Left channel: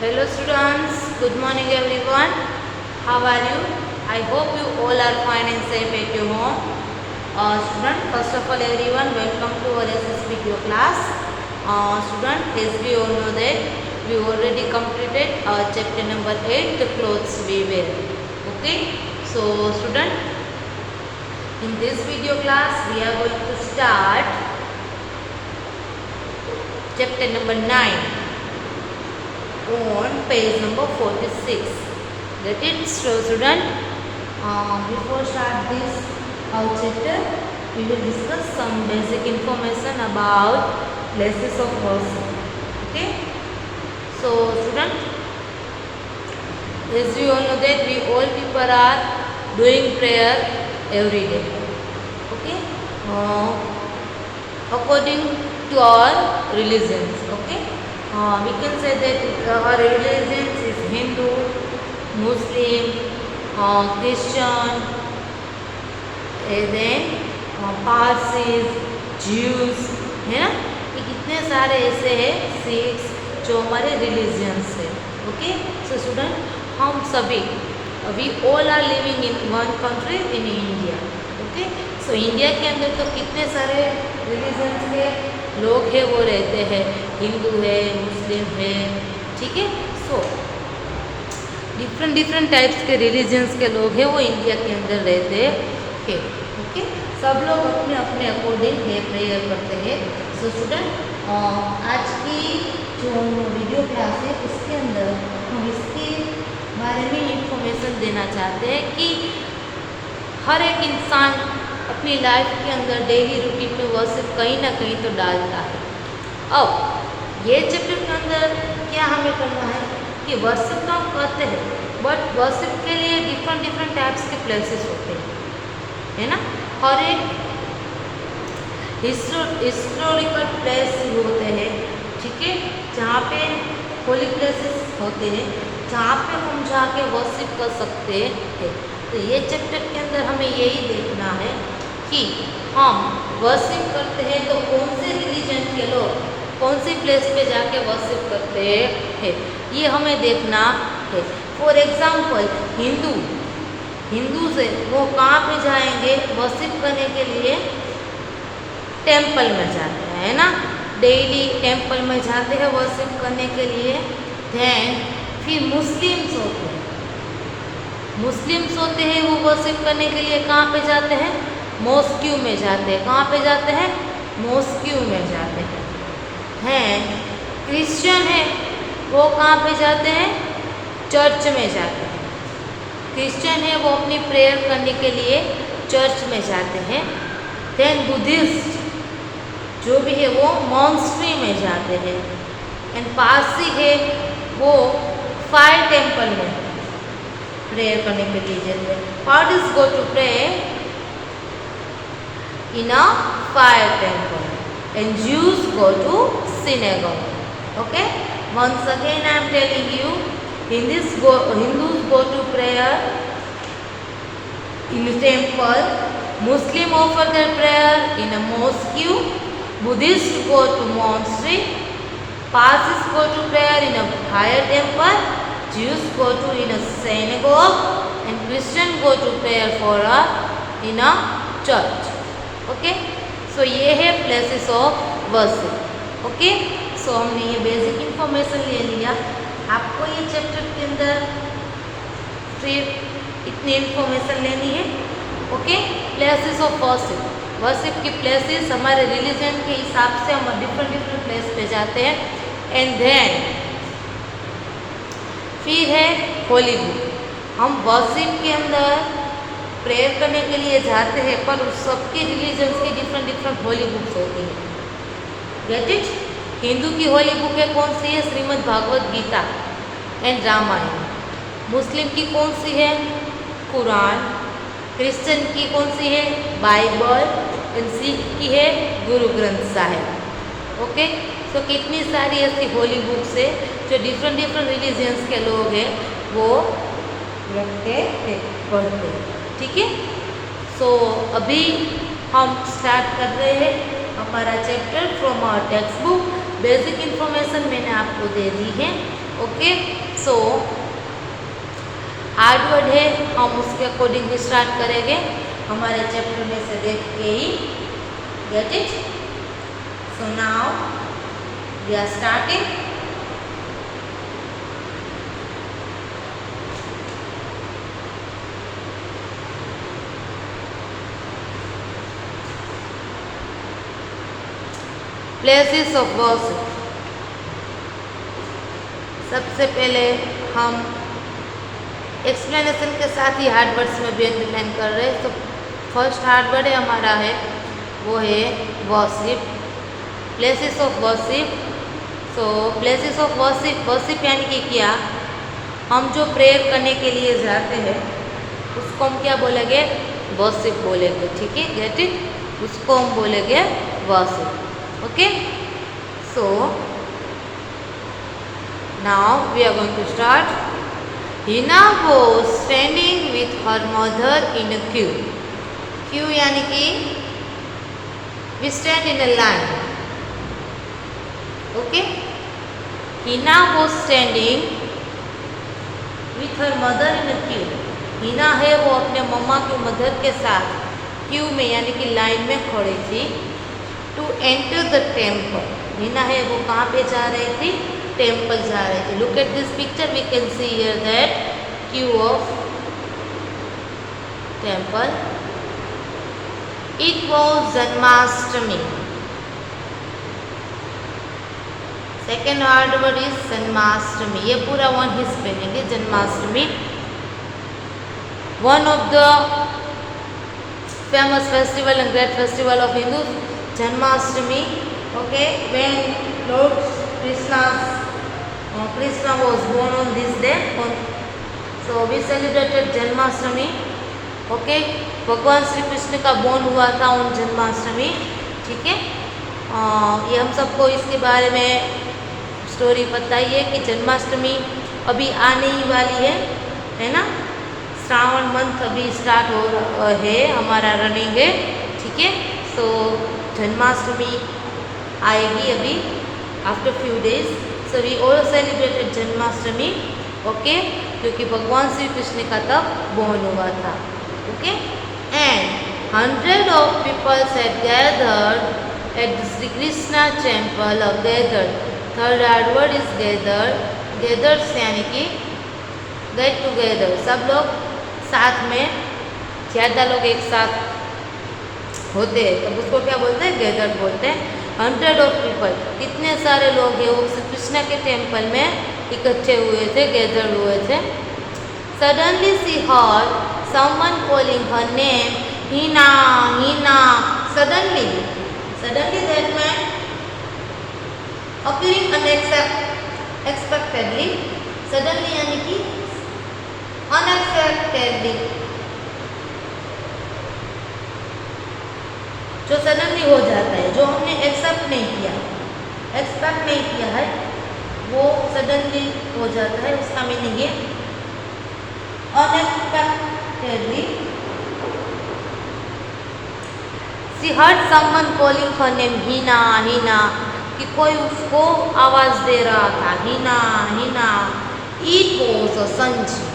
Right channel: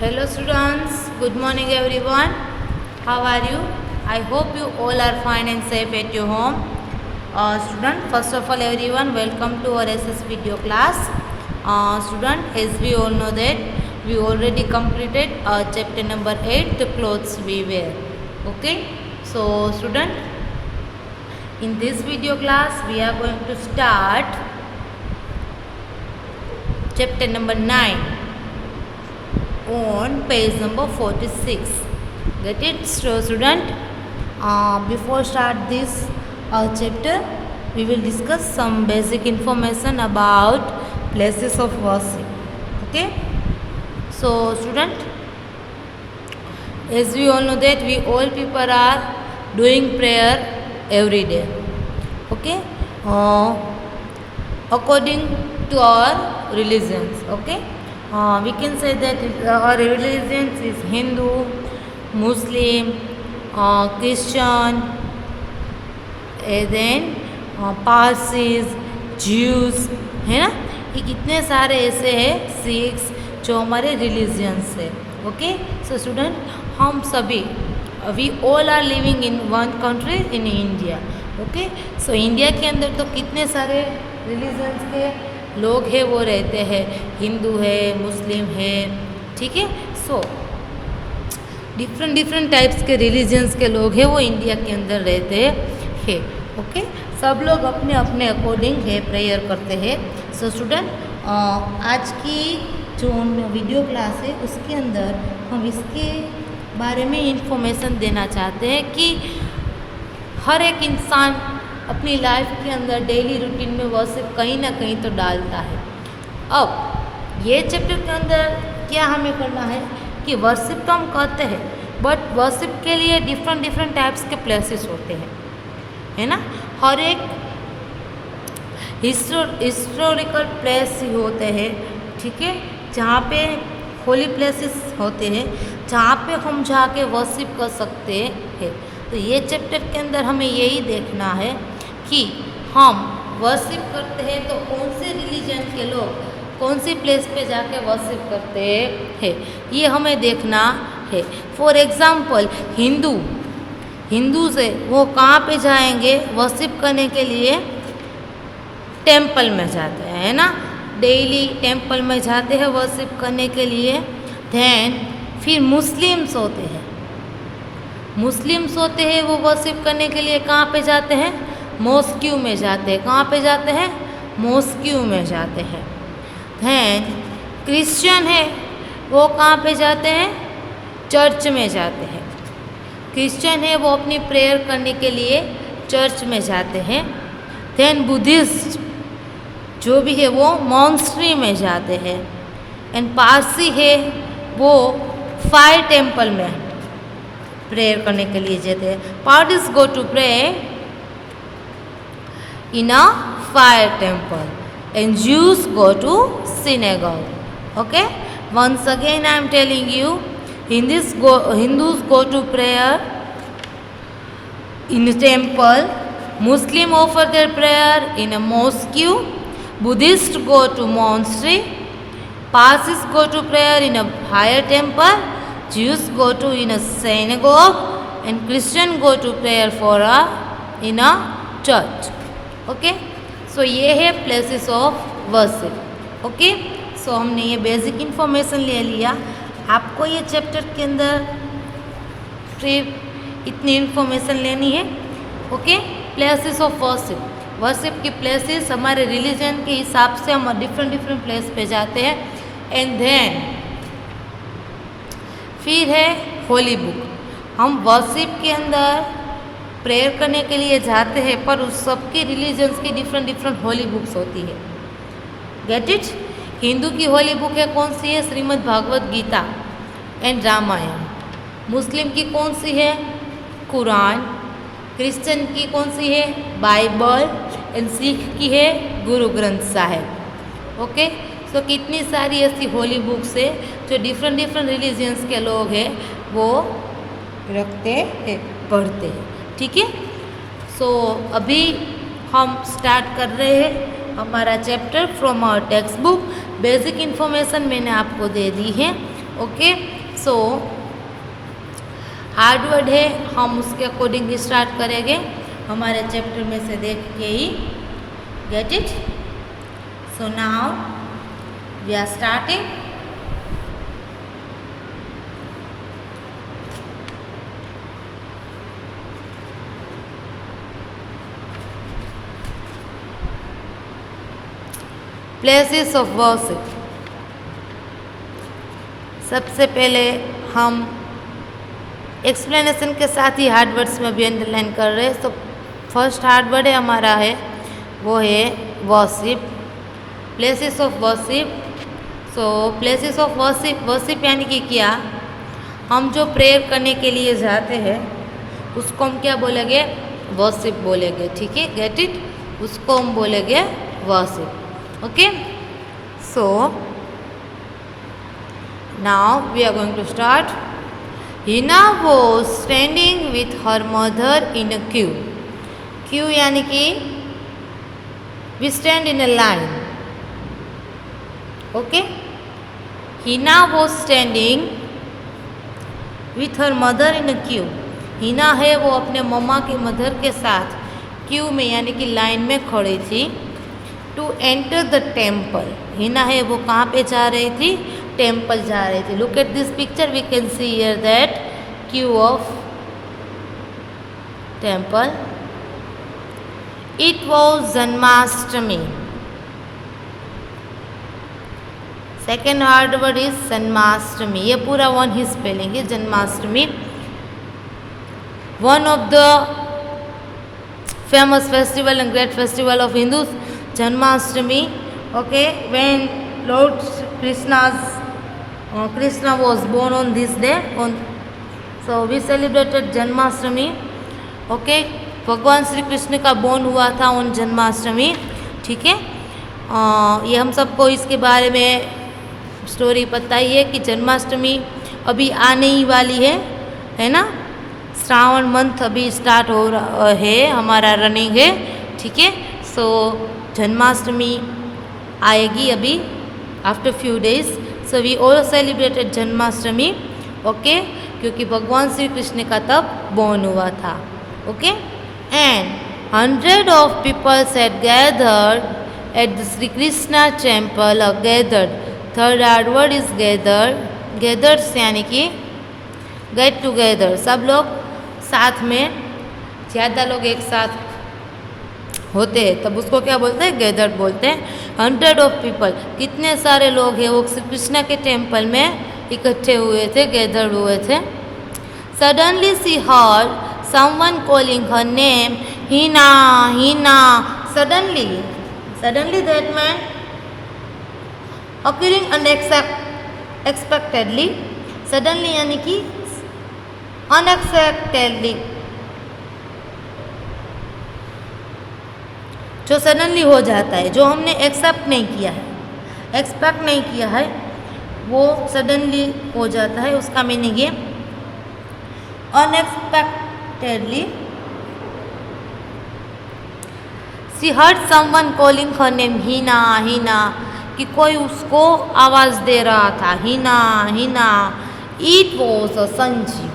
Hello students, good morning everyone. How are you? I hope you all are fine and safe at your home. First of all everyone, welcome to our SS video class. As we all know that we already completed chapter number 8, the clothes we wear. Okay, so student, in this video class we are going to start chapter number 9 on page number 46. Get it, so student? Before start this chapter, we will discuss some basic information about places of worship. Okay? So student, as we all know that we all people are doing prayer every day. Okay? According to our religions. Okay? We can say that our religion is Hindu, Muslim, Christian, and then Parsis, Jews, है ना? ये कितने सारे ऐसे हैं six जो हमारे religions है. ओके, सो स्टूडेंट, हम सभी we all are living in one country in India. Okay, so India के अंदर तो कितने सारे रिलीजन्स के लोग हैं वो रहते हैं. हिंदू है, मुस्लिम है, ठीक है. सो डिफरेंट टाइप्स के रिलीजन्स के लोग हैं वो इंडिया के अंदर रहते हैं. ओके, सब लोग अपने अपने अकॉर्डिंग है प्रेयर करते हैं. सो स्टूडेंट, आज की जो वीडियो क्लास है उसके अंदर हम इसके बारे में इंफॉर्मेशन देना चाहते हैं कि हर एक इंसान अपनी लाइफ के अंदर डेली रूटीन में वर्शिप कहीं ना कहीं तो डालता है. अब ये चैप्टर के अंदर क्या हमें करना है कि वर्शिप तो हम करते हैं, बट वर्शिप के लिए डिफरेंट टाइप्स के प्लेसेस होते हैं, है ना. हर एक हिस्टोरिकल प्लेस होते हैं, ठीक है, जहाँ पे होली प्लेसेस होते हैं जहाँ पे हम जाके वर्शिप कर सकते हैं. तो ये चैप्टर के अंदर हमें यही देखना है कि हम वर्शिप करते हैं तो कौन से रिलीजन के लोग कौन सी प्लेस पे जाके वर्शिप करते हैं, ये हमें देखना है. फॉर एग्ज़ाम्पल हिंदू से वो कहाँ पे जाएंगे वर्शिप करने के लिए? टेम्पल में जाते हैं, है ना. डेली टेम्पल में जाते हैं वर्शिप करने के लिए. दैन फिर मुस्लिम्स होते हैं वो वर्शिप करने के लिए कहाँ पे जाते हैं? मॉस्क्यू में जाते हैं. कहाँ पे जाते हैं? मॉस्क्यू में जाते हैं. हैं क्रिश्चियन है वो कहाँ पे जाते हैं? चर्च में जाते हैं. क्रिश्चियन है वो अपनी प्रेयर करने के लिए चर्च में जाते हैं. दैन बुद्धिस्ट जो भी है वो मॉन्स्ट्री में जाते हैं. एंड पारसी है वो फायर टेम्पल में प्रेयर करने के लिए जाते हैं. Parsis go to pray in a fire temple and Jews go to synagogue. Okay, once again I am telling you, Hindus go to prayer in a temple, Muslim offer their prayer in a mosque, Buddhists go to monastery, Parsis go to prayer in a higher temple, Jews go to in a synagogue, and Christian go to prayer in a church. Okay, सो ये है places of worship. Okay, सो हमने ये basic information ले लिया. आपको ये chapter के अंदर फिर इतनी इन्फॉर्मेशन लेनी है. ओके, प्लेसेस ऑफ वर्शिप की प्लेसेस हमारे रिलीजन के हिसाब से हम डिफरेंट प्लेस पे जाते हैं. एंड देन फिर है होली बुक. हम वर्शिप के अंदर प्रेयर करने के लिए जाते हैं पर उस सबकी रिलीजन्स की डिफरेंट होली बुक्स होती है. Get it. हिंदू की होली बुक है कौन सी है? श्रीमद् भागवत गीता एंड रामायण. मुस्लिम की कौन सी है? कुरान. क्रिश्चियन की कौन सी है? बाइबल. एंड सिख की है गुरु ग्रंथ साहिब. ओके, सो कितनी सारी ऐसी होली बुक्स है जो डिफरेंट रिलीजन्स के लोग हैं वो रखते हैं, पढ़ते हैं. ठीक है. सो अभी हम स्टार्ट कर रहे हैं हमारा chapter from our textbook. Basic information मैंने आपको दे दी है. ओके, सो हार्ड वर्ड है, हम उसके अकॉर्डिंग ही स्टार्ट करेंगे, हमारे चैप्टर में से देख के ही। Get it? So now we are starting. Places of worship. सबसे पहले हम एक्सप्लेनेशन के साथ ही हार्ड वर्ड्स में भी अंडरलाइन कर रहे हैं। तो फर्स्ट हार्ड वर्ड है हमारा है वो है worship, places of worship. So places of worship, worship यानी कि क्या, हम जो प्रेयर करने के लिए जाते हैं उसको हम क्या बोलेंगे? वर्शिप बोलेंगे, ठीक है? Get it? उसको हम बोलेंगे worship. Okay, so now we are going to start. Hina was standing with her mother in a queue. Queue यानी कि we stand in a line. Okay? Hina was standing with her mother in a queue. Hina है वो अपने मम्मा के mother के साथ Q में यानी कि लाइन में खड़ी थी। To enter the temple, Hina है वो कहाँ पे जा रही थी? टेम्पल जा रही थी। Look at this picture, we can see here that queue of temple. It was Janmashtami. Second hard word is Janmashtami. ये पूरा वन ही स्पेलिंग है, Janmashtami. One of the famous festival and great festival of Hindus, Janmashtami. Okay, when Lord Krishna was born on this day, so we celebrated Janmashtami. Okay, भगवान श्री कृष्ण का born हुआ था उन जन्माष्टमी, ठीक है? ये हम सबको इसके बारे में स्टोरी पता ही है कि जन्माष्टमी अभी आने ही वाली है ना? श्रावण मंथ अभी स्टार्ट हो रहा है, हमारा रनिंग है, ठीक है? सो जन्माष्टमी आएगी अभी after few days. So we all celebrated Janmashtami, okay, क्योंकि भगवान श्री कृष्ण का तब बोर्न हुआ था। Okay, and 100 of peoples had gathered at the Shri Krishna temple. Gathered, third hard word is gathered. Gathers यानी कि गेट टुगेदर, सब लोग साथ में, ज़्यादा लोग एक साथ होते हैं तब उसको क्या बोलते हैं? गैदर्ड बोलते हैं। 100 ऑफ पीपल, कितने सारे लोग हैं वो श्री कृष्ण के टेम्पल में इकट्ठे हुए थे, गैदर्ड हुए थे। Suddenly she heard someone calling her name, Hina Hina. Suddenly, suddenly that man appearing unexpectedly. Suddenly यानी कि अनएक्सपेक्टेडली, जो सडनली हो जाता है, जो हमने एक्सेप्ट नहीं किया है, एक्सपेक्ट नहीं किया है, वो सडनली हो जाता है। उसका मीनिंग है unexpectedly. She heard someone calling her name, Hina Hina, कि कोई उसको आवाज़ दे रहा था, Hina Hina. It was a Sanjeev,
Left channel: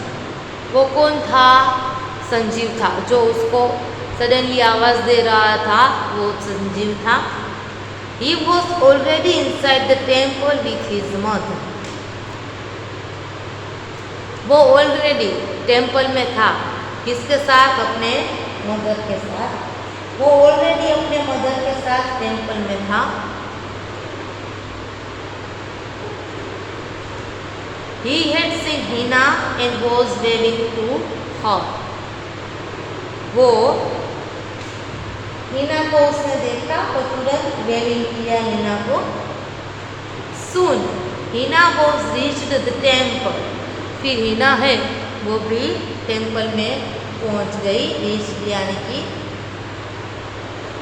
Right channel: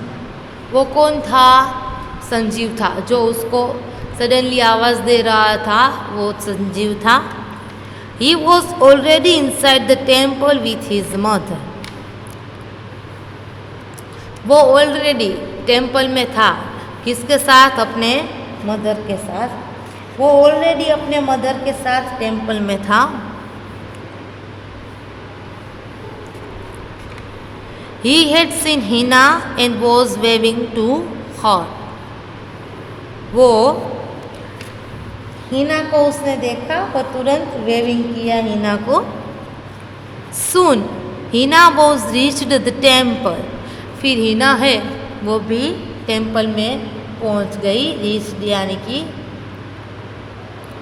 वो कौन था? संजीव था, जो उसको सडनली आवाज़ दे रहा था वो संजीव था। He was already inside the temple with his mother. वो ऑलरेडी टेम्पल में था, किसके साथ? अपने मदर के साथ। वो ऑलरेडी अपने मदर के साथ टेम्पल में था। He had seen Hina and was waving to her. वो हिना को उसने देखा और तुरंत वेविंग किया हिना को। Soon Hina was reached the temple. फिर हिना है वो भी टेम्पल में पहुंच गई। रीच यानी कि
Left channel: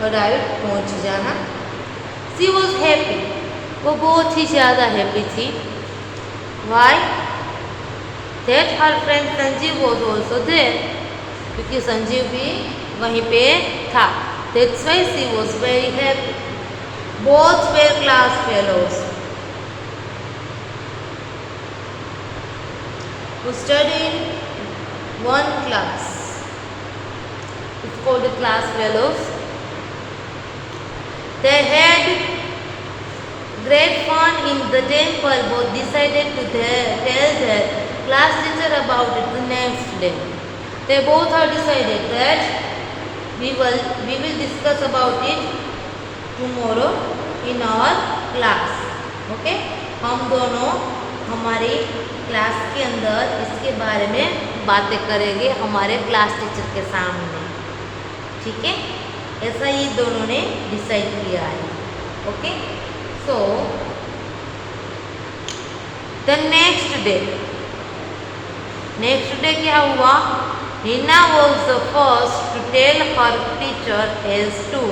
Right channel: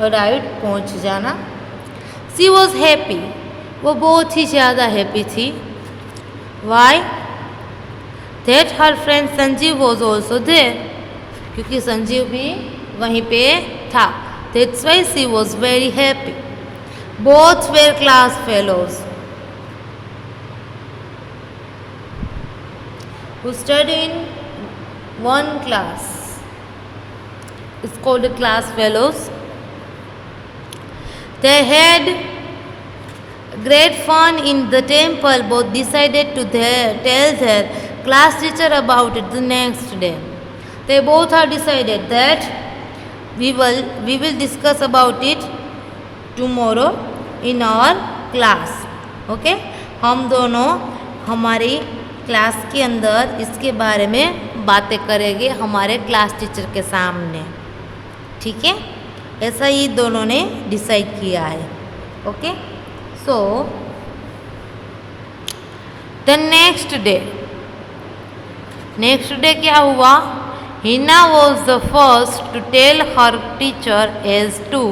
राइट, पहुंच जाना। She was happy, वो बहुत ही ज़्यादा हैप्पी थी। Why? That her friend Sanjeev was also there, क्योंकि संजीव भी वहीं पे था। That's why she was very happy. Both were class fellows. who study in one class. It's called the class fellows. They had great fun in the temple. Both decided to tell their class teacher about it the next day. They both have decided that we will discuss about it tomorrow in our class. Okay? हम दोनों हमारी class के अंदर इसके बारे में बातें करेंगे हमारे क्लास टीचर के सामने. ठीक है, ऐसा ही दोनों ने डिसाइड किया है. Okay, so the next day क्या हुआ? Hina was the first to tell her teacher as to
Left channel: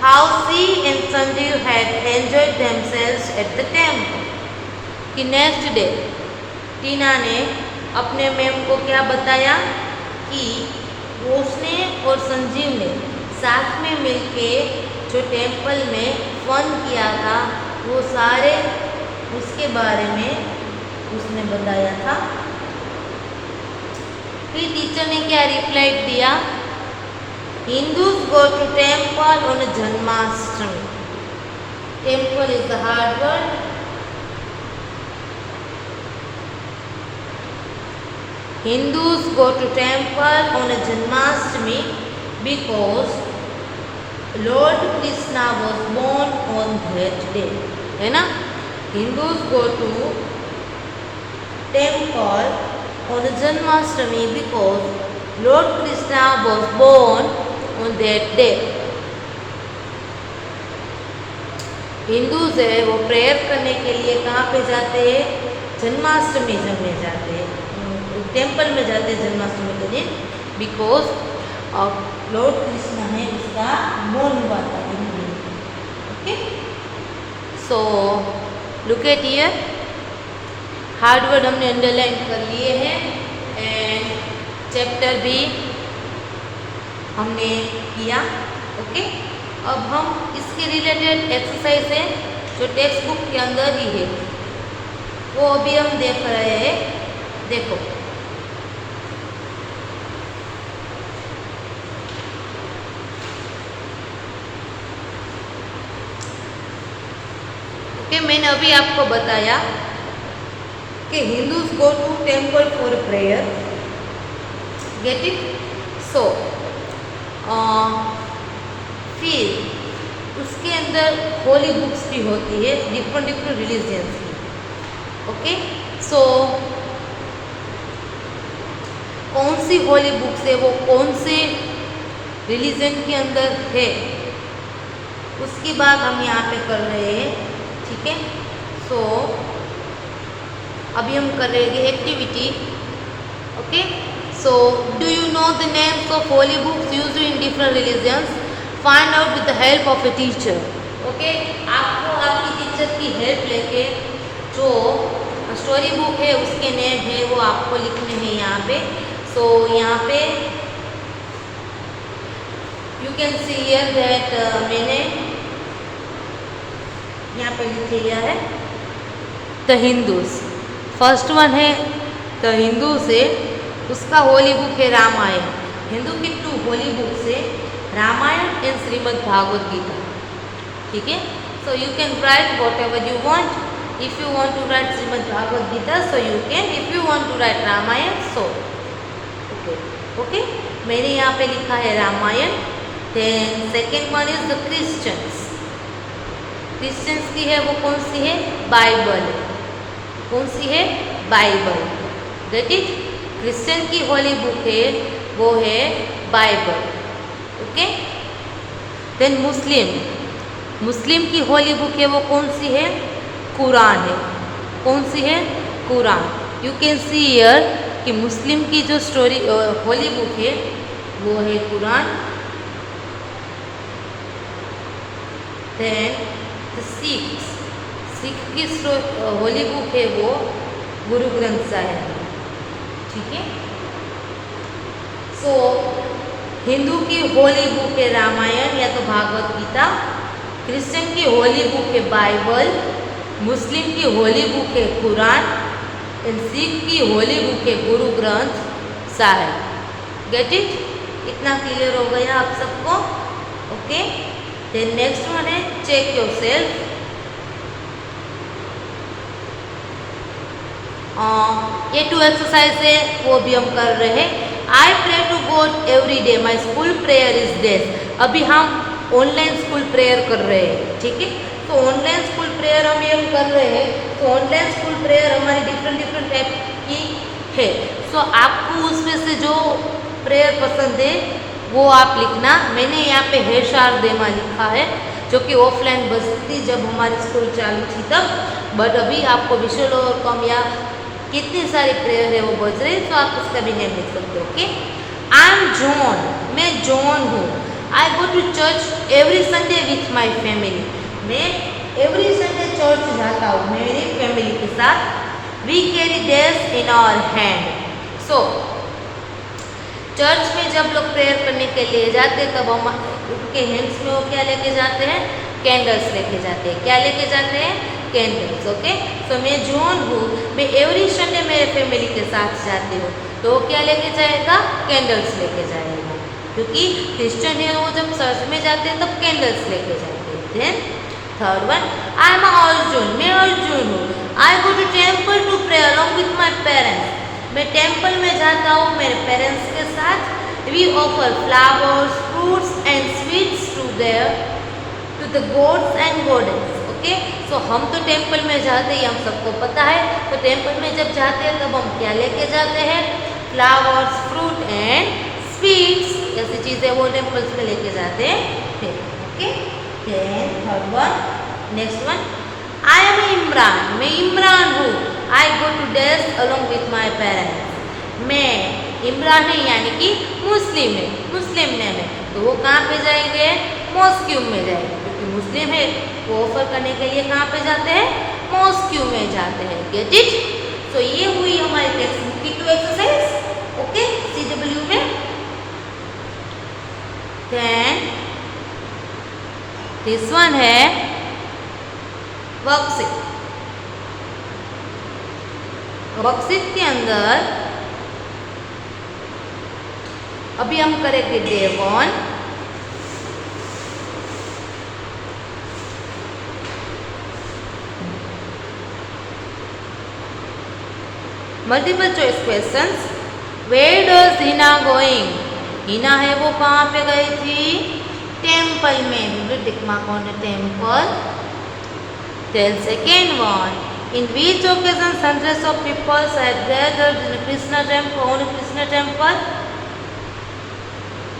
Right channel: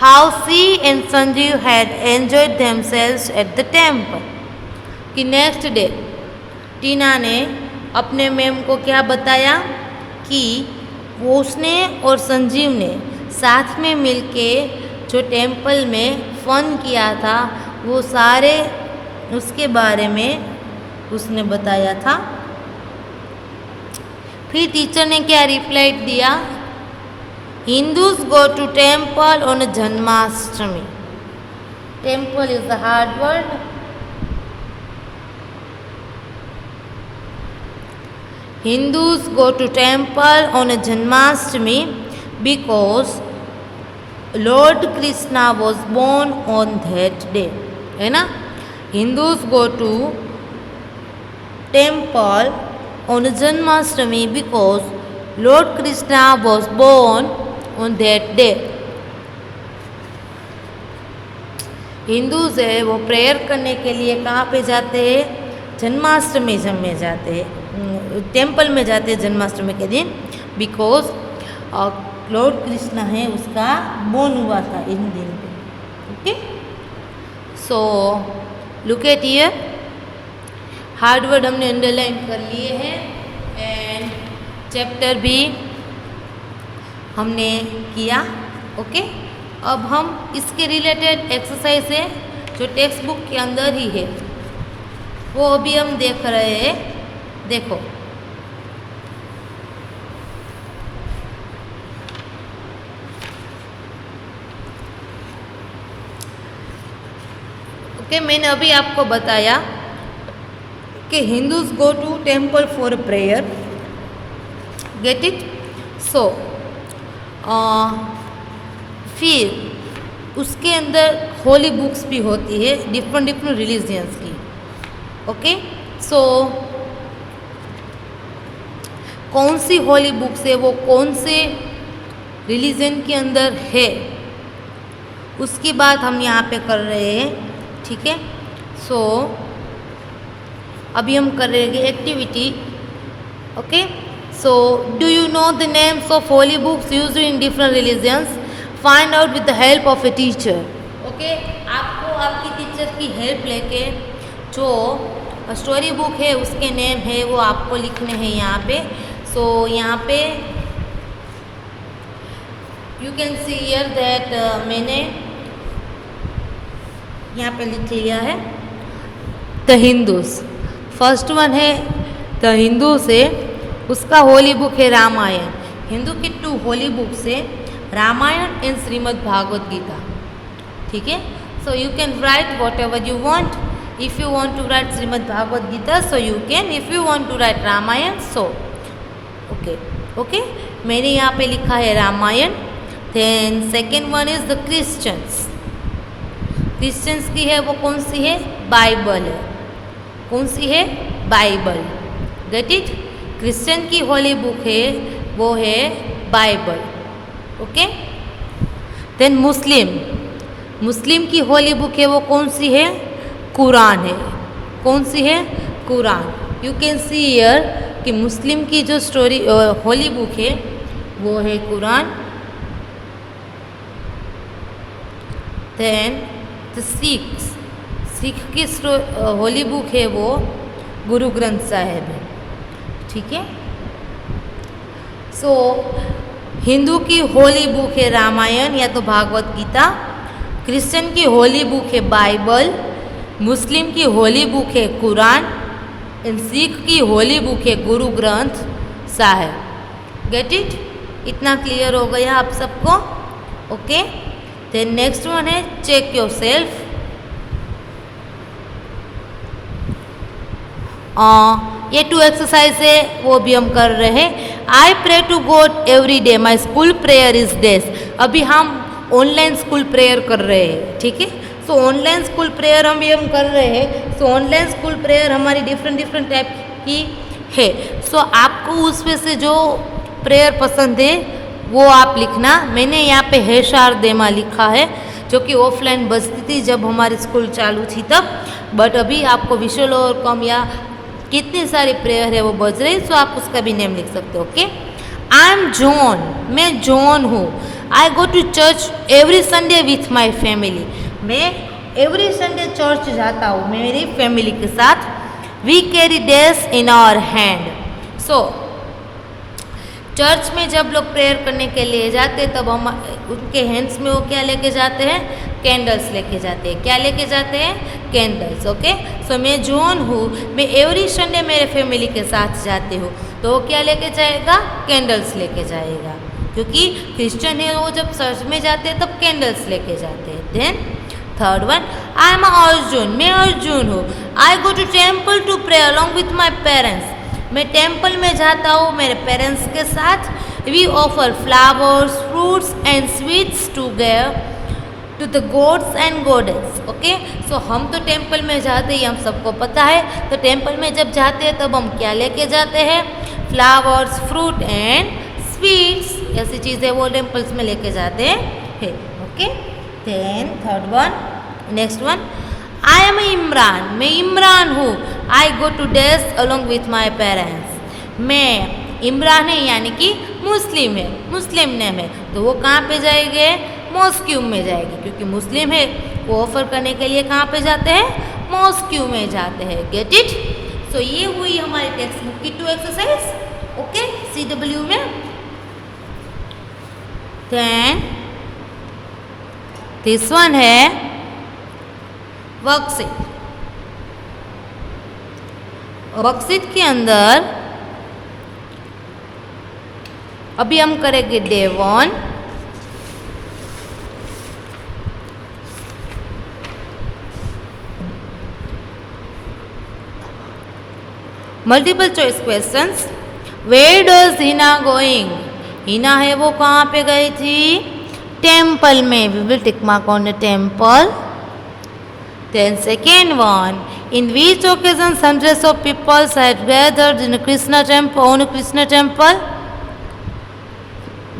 how she and Sanjeev had enjoyed themselves at the temple. कि नेक्स्ट डे टीना ने अपने मैम को क्या बताया कि उसने और संजीव ने साथ में मिलके जो टेम्पल में फन किया था वो सारे उसके बारे में उसने बताया था. फिर टीचर ने क्या रिप्लाई दिया? Hindus go to temple on Janmashtami. Temple is the hard word. Hindus go to temple on a Janmashtami because Lord Krishna was born on that day. है ना? Hindus go to temple on a Janmashtami because Lord Krishna was born on that day. Hindus है वो prayer करने के लिए कहाँ पे जाते हैं? जन्माष्टमी में जाते हैं, टेम्पल में जाते हैं जन्माष्टमी के दिन. बिकॉज लॉर्ड कृष्ण है उसका बोर्न हुआ था इन दिन. Okay, so look at here. Hard word हमने अंडरलाइन कर लिए हैं एंड चैप्टर भी हमने किया. ओके, अब हम इसके रिलेटेड एक्सरसाइज है जो टेक्स्ट बुक के अंदर ही है वो अभी हम देख रहे हैं. देखो, ओके, मैंने अभी आपको बताया कि Hindus go to temple for prayer. Get it? So फिर उसके अंदर होली बुक्स भी होती है डिफरेंट रिलीजियंस की. ओके, सो कौन सी होली बुक्स है वो कौन से रिलीजन के अंदर है उसकी बात हम यहाँ पे कर रहे हैं. ठीक है, सो अभी हम कर रहे हैं activity. Okay, so do you know the names of holy books used in different religions? Find out with the help of a teacher. Okay, आपको आपकी टीचर की हेल्प लेके जो स्टोरी बुक है उसके नेम है वो आपको लिखने हैं यहाँ पे. सो यहाँ पे you can see here that मैंने यहाँ पे लिख लिया है द हिंदूज. फर्स्ट वन है द हिंदू से, उसका होली बुक है रामायण. हिंदू की 2 होली बुक्स है रामायण एंड श्रीमद् भागवत गीता. ठीक है, so you can write whatever you want. If you want to write Shrimad Bhagavad Gita so you can. If you want to write Ramayana so okay. मैंने यहाँ पे लिखा है Ramayana. Then second one is the Christians. Christians की है वो कौन सी है? बाइबल है. कौन सी है? बाइबल. Get it? क्रिश्चियन की होली बुक है वो है बाइबल. ओके, देन मुस्लिम की होली बुक है वो कौन सी है? कुरान है. कौन सी है? Quran. You can see here कि मुस्लिम की जो स्टोरी होली बुक है वो है कुरान. देन सिख की होली बुक है वो गुरु ग्रंथ साहिब. ठीक है, सो हिंदू की होली बुक है रामायण या तो भागवत गीता. क्रिश्चियन की होली बुक है बाइबल. मुस्लिम की होली बुक है कुरान. सिख की होली बुक है गुरु ग्रंथ साहिब। Get it? इतना क्लियर हो गया आप सबको? ओके। देन नेक्स्ट वन है चेक योर सेल्फ। ये 2 एक्सरसाइज है, वो भी हम कर रहे हैं। I pray to God every day, my school prayer is this. अभी हम ऑनलाइन स्कूल प्रेयर कर रहे हैं, ठीक है। तो ऑनलाइन स्कूल प्रेयर हम कर रहे हैं। तो ऑनलाइन स्कूल प्रेयर हमारी डिफरेंट टाइप की है। सो आपको उसमें से जो प्रेयर पसंद है वो आप लिखना। मैंने यहाँ पे है शार देमा लिखा है, जो कि ऑफलाइन बजती थी जब हमारे स्कूल चालू थी तब। बट अभी आपको विजुअल और कम या कितनी सारी प्रेयर है वो बज रही, तो आप उसका भी नेम लिख सकते हो। ओके। आई एम जॉन, मैं जॉन हूँ। I go to church every Sunday with my family, मैं एवरी संडे चर्च जाता हूँ मेरी फैमिली के साथ। We carry days in our hand. So church में जब लोग प्रेयर करने के लिए जाते हैं तब हम उनके हैंड्स में वो क्या लेके जाते हैं? कैंडल्स लेके जाते हैं। क्या लेके जाते हैं? कैंडल्स। ओके। सो मैं जॉन हूँ, मैं एवरी संडे मेरे फैमिली के साथ जाती हूँ, तो वो क्या लेके जाएगा? कैंडल्स लेके जाएगा, क्योंकि क्रिश्चियन है वो जब चर्च में जाते हैं तब कैंडल्स लेके जाते हैं। Then third one, I am Arjun, मैं अर्जुन हूँ। I go to temple to pray along with my parents, मैं टेम्पल में जाता हूँ मेरे पेरेंट्स के साथ। We offer flowers, fruits and sweets to the gods and goddess. Okay. So हम तो टेम्पल में जाते हैं, हम सबको पता है। तो टेम्पल में जब जाते हैं तब हम क्या लेके जाते हैं? फ्लावर्स, फ्रूट एंड स्वीट्स, ऐसी चीज़ें वो टेम्पल्स में लेके जाते हैं। Okay. Then third one, next one, I am Imran, मैं इमरान हूँ। आई गो टू डेस अलॉन्ग विथ माई पेरेंट्स, मैं इमरान है यानी कि मुस्लिम है, मुस्लिम नेम है, तो वो कहाँ पे जाएंगे? मॉस्क्यू में जाएंगे, क्योंकि मुस्लिम है। वो ऑफर करने के लिए कहाँ पे जाते हैं? मॉस्क्यू में जाते हैं। Gate it? सो ये हुई हमारी टेक्स्ट बुक की 2 एक्सरसाइज। ओके, CW में। देन दिस वन है वर्कशीट। वर्कशीट के अंदर अभी हम करेंगे day 1। Multiple choice questions. Where does Hina going? Hina है वो कहाँ पे गई थी? टेम्पल में। We will tick mark on the temple. Then second one, in which occasions hundreds of people had gathered in a Krishna temple, on a Krishna temple?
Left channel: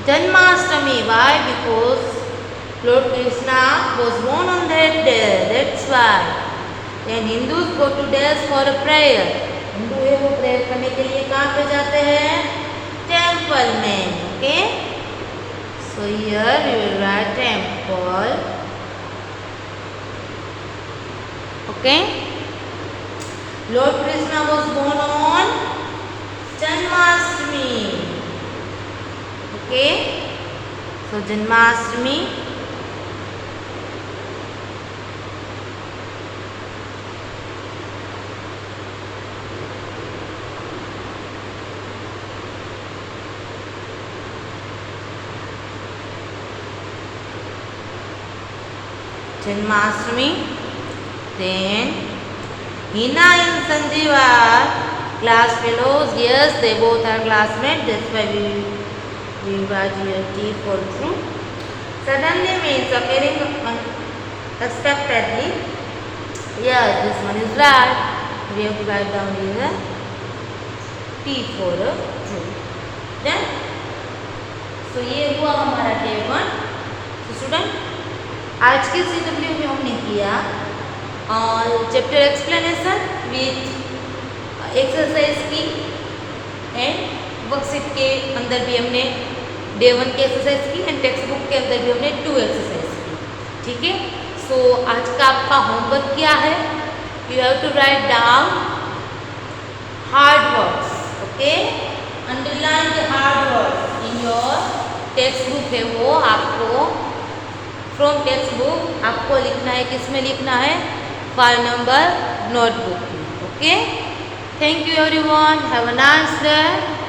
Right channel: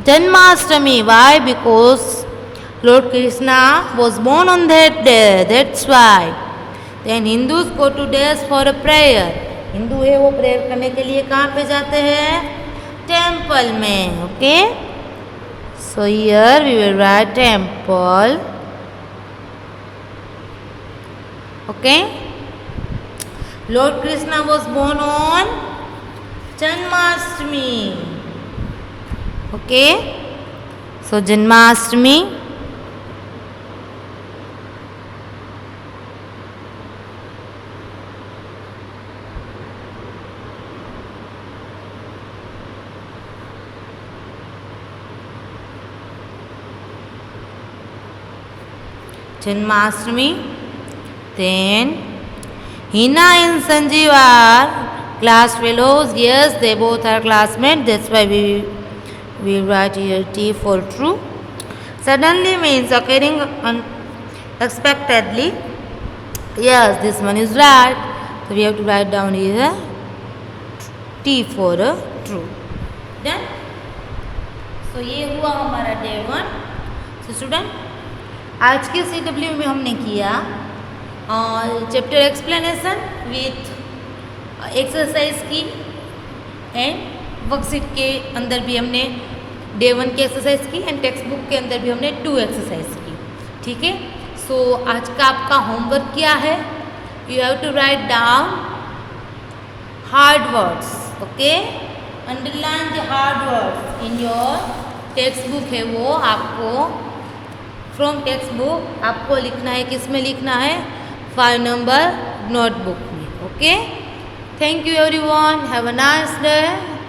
Janmashtami. Why? Because Lord Krishna was born on that day. That's why. Then Hindus go to days for a prayer. Hindu है वो prayer करने के लिए कहाँ पे जाते हैं? Temple में। Okay. So here we will write temple. Okay. Lord Krishna was born on Janmashtami. Okay. So Janmashtami. Janmashtami. Then Hina and Sanjeev are class fellows. Yes, they both are classmates. That's why we write here T for true. Suddenly means occurring unexpectedly. Yes, this one is right. We have to write down here T for true. Then, so ये हुआ हमारा day 1. So student, आज के CW में हमने किया chapter explanation with exercise की and worksheet के अंदर भी हमने डे 1 की एक्सरसाइज की एंड टेक्स्ट बुक के अंदर भी हमने 2 एक्सरसाइज की। ठीक है। सो आज का आपका होमवर्क क्या है? You have to write down hard words. Okay, underline the hard words in your textbook है वो आपको फ्रॉम टेक्स्ट बुक आपको लिखना है। किस में लिखना है? 5 नंबर नोटबुक में। Okay, Thank you everyone. Have a nice day.